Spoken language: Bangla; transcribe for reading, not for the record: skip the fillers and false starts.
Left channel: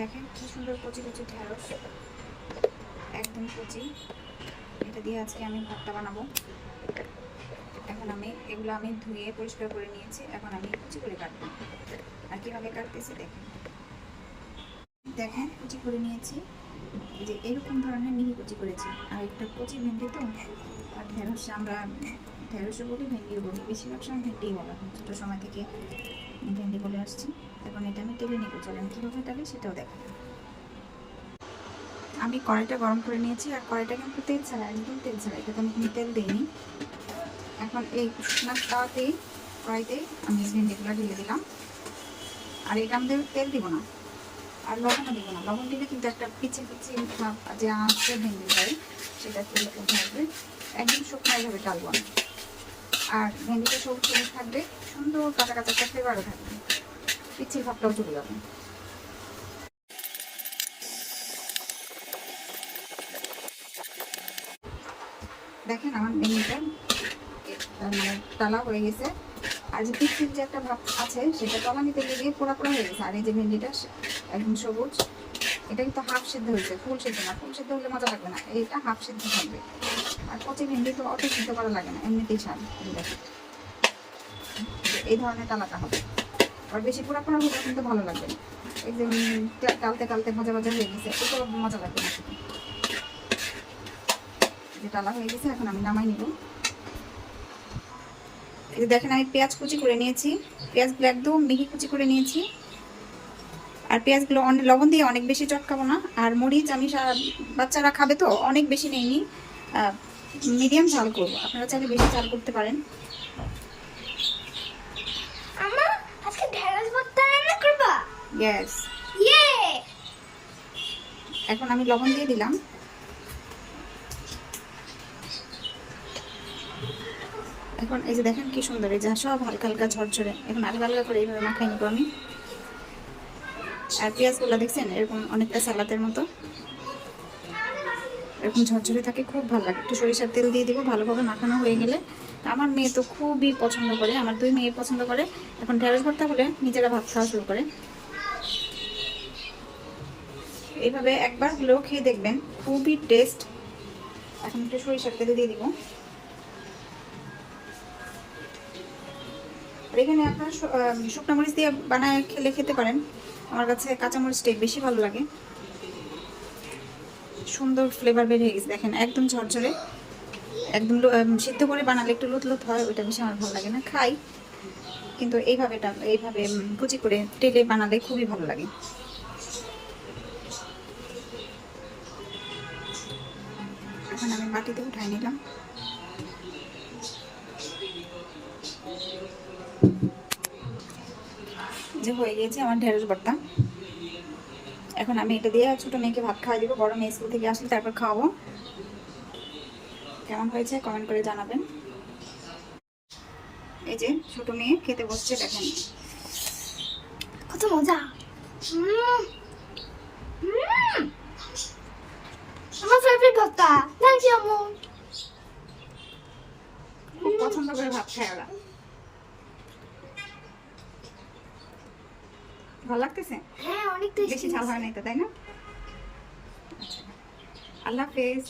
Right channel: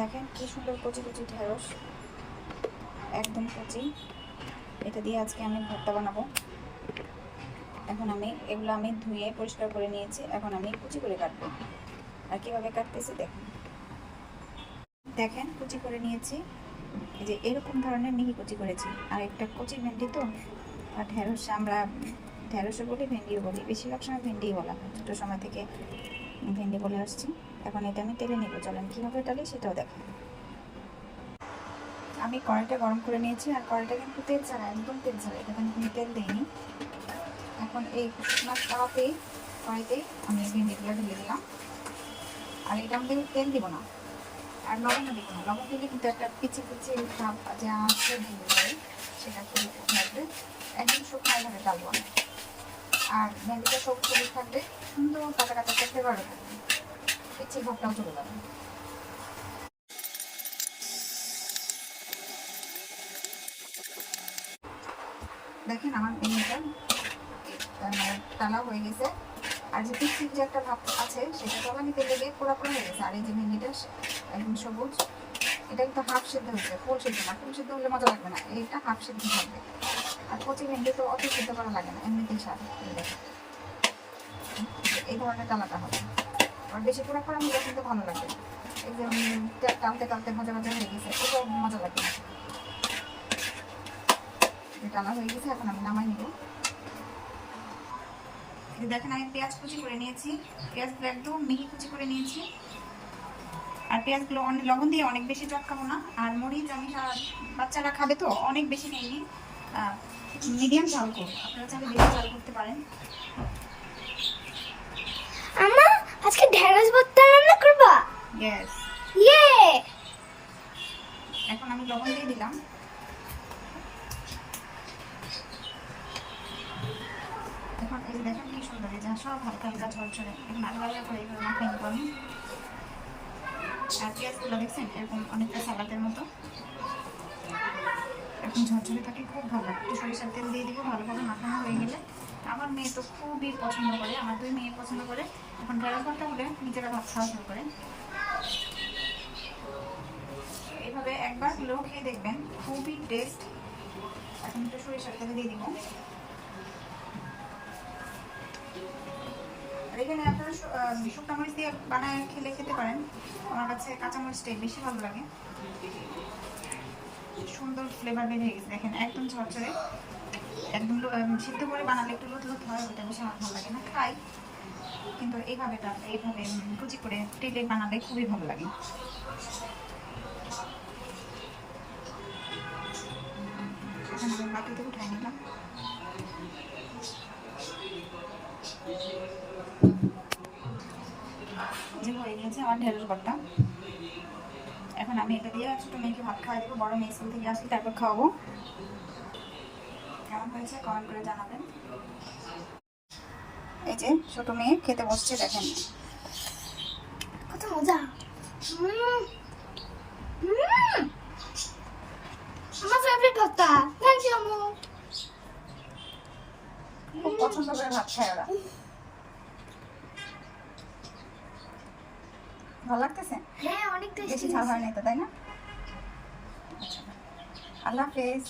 দেখেন কি সুন্দর কচি কচি ঢেঁড়স, একদম কচি। এটা দিয়ে আজকে আমি ভর্তা বানাবো। এখন এগুলো আমি ধুয়ে পরিষ্কার করে নিয়েছি। এখন আমি কুচি করে কাটবো। আর কীভাবে কাটতেছি দেখেন, দেখেন কুচি করে নিয়েছি। এই যে এরকম ধরনের মিহি কুচি করেছি। আর একটা কচি ভেন্ডি তো, আর ঢেঁড়স আমরা ঢেঁড়সও বলি, ভেন্ডিও বলি, বেশিরভাগ সময় ভেন্ডিই বলা হয়। ছোটো সময় থেকে ভেন্ডি বলে আসছি। এখন এটা আমি তেলে নেবো, চলেন কীভাবে টালি সেটাও দেখো। আমি কড়াইটা গরম করে নিয়েছি। আর কড়াইটা কিন্তু তেল ছাড়া, একদম তেল ছাড়া, এটাতে আমি কোনো তেল দিইনি। এখন এই শুকনো তাওয়াতেই, কড়াইতেই আমি ভেন্ডিগুলো ঢেলে দিলাম। আর এটা আমি তেল দিব না, আর লবণও দিব না। লবণ দিলে কিন্তু একটা পিছে পিছে ভাব যে আসছে ভেন্ডি যায়, সেটা তেলে উঠে আসবে। একদম শুকনোভাবে টালব না। আর ভেন্ডিটা সবুজ সবুজ থাকবে, সুন্দর কাঁচা কাঁচা একটা ফ্লেভারও থাকবে, পিছিয়ে ভাবটাও চলে যাবে। দেখেন আমার ভেন্ডিটা মানে টালা হয়ে গেছে। আর যে পিছিয়ে যে একটা ভাব আছে সেটা তলানিতে লেগে পোড়া পোড়া হয়ে গেছে। আর এই যে ভেন্ডিটা একদম সবুজ, এটা কিন্তু হাফ সেদ্ধ হয়েছে, ফুল সেদ্ধ না। ফুল সেদ্ধ হলে মজা লাগবে না, এটা হাফ সেদ্ধ থাকবে। আর কচি ভেন্ডি তো অত সেদ্ধ করা লাগে না, এমনিতেই স্বাদ। এই ধরনের টালাটা হবে। আর বেশি পোড়া পোড়া হলে কিন্তু ভালো লাগবে না। এই যে টালতে টালতে ভাজা ভাজা হয়ে গেছে, এটা মজা লাগবে না। যে টালা হয়ে গেছে, এখন আমি নামাই নিব। এই যে দেখেন আমি পেঁয়াজ কুচি করে নিয়েছি। পেঁয়াজগুলো একদম মিহি কুচি করে নিয়েছি। আর পেঁয়াজগুলো লবণ দিয়ে অনেক বেশি চটকাবো না। আর মরিচ আমি বাচ্চারা খাবে তো অনেক বেশি নেইনি, মিডিয়াম ঝাল করবো। আপনারা চাইলে বেশি ঝাল করতে পারেন। আম্মা আজকে ঢেঁড়স ভর্তা রান্না করবা? ইয়েস। ইয়ে। এখন আমি লবণ দিয়ে দিলাম। এখন এই যে দেখেন কি সুন্দর, এই যে সব হালকা হালকা ঝরঝরে। এখন আলগা আলগা করে এইভাবে মাখিয়ে নিব আমি। আর পেঁয়াজগুলো দেখছেন এরকম অনেকটা সালাদের মতো, এরকম ঝরঝরে থাকে, খুব ভালো লাগে। একটু সরিষার তেল দিয়ে দিব। ভালোভাবে মাখানো হয়ে গেলে, আমার মেয়ে তো খুবই পছন্দ করে, আমার দুই মেয়ে পছন্দ করে। এখন ঢেঁড়স ভর্তা হলে নিজেরা ভাত খাওয়া শুরু করে। এইভাবে একবার হলেও খেয়ে দেখবেন, খুবই টেস্ট। এখন একটু সরিষার তেল দিয়ে দিব। আর এখানে আপনার শুকনো মরিচ দিয়ে বানায় খেতে পারেন। আমার কাছে কাঁচামরিচটাই বেশি ভালো লাগে। সুন্দর ফ্লেভার বের হয়ে গেছে দেখেন, একদম ঝরঝরে। একদম সিদ্ধ করে বানালে একটু লুত লুত হয়, ওইটা বেশি আমার ভালো লাগে না, খাই। কিন্তু এইভাবে কুচি করে তেলে বানালে খুবই ভালো লাগে। এখন আমি বাটিতে উঠাই নিলাম। যে হয়ে গিয়েছে আমার ঢেঁড়স ভর্তা। এখন আমি এটা দিয়ে ছোট মেয়েকে ভাত খাওয়াই দেবো। বড় মেয়ে স্কুল থেকে আসলে তারপর খাওয়াবো। কেমন হয়েছে কমেন্ট করে জানাবেন। এই যে ছোট মেয়ে খেতে বসছে, দেখেন কত মজা। আমার ফেভারিট ভর্তা। থ্যাংক ইউ আম্মু। খুব পছন্দ করে ভাত খায় ওরা। ভালো লাগতেছে? হ্যাঁ অনেক টেস্টি। বেশি ঝাল হয় না এটা, তাই না? আল্লাহ হাফেজ।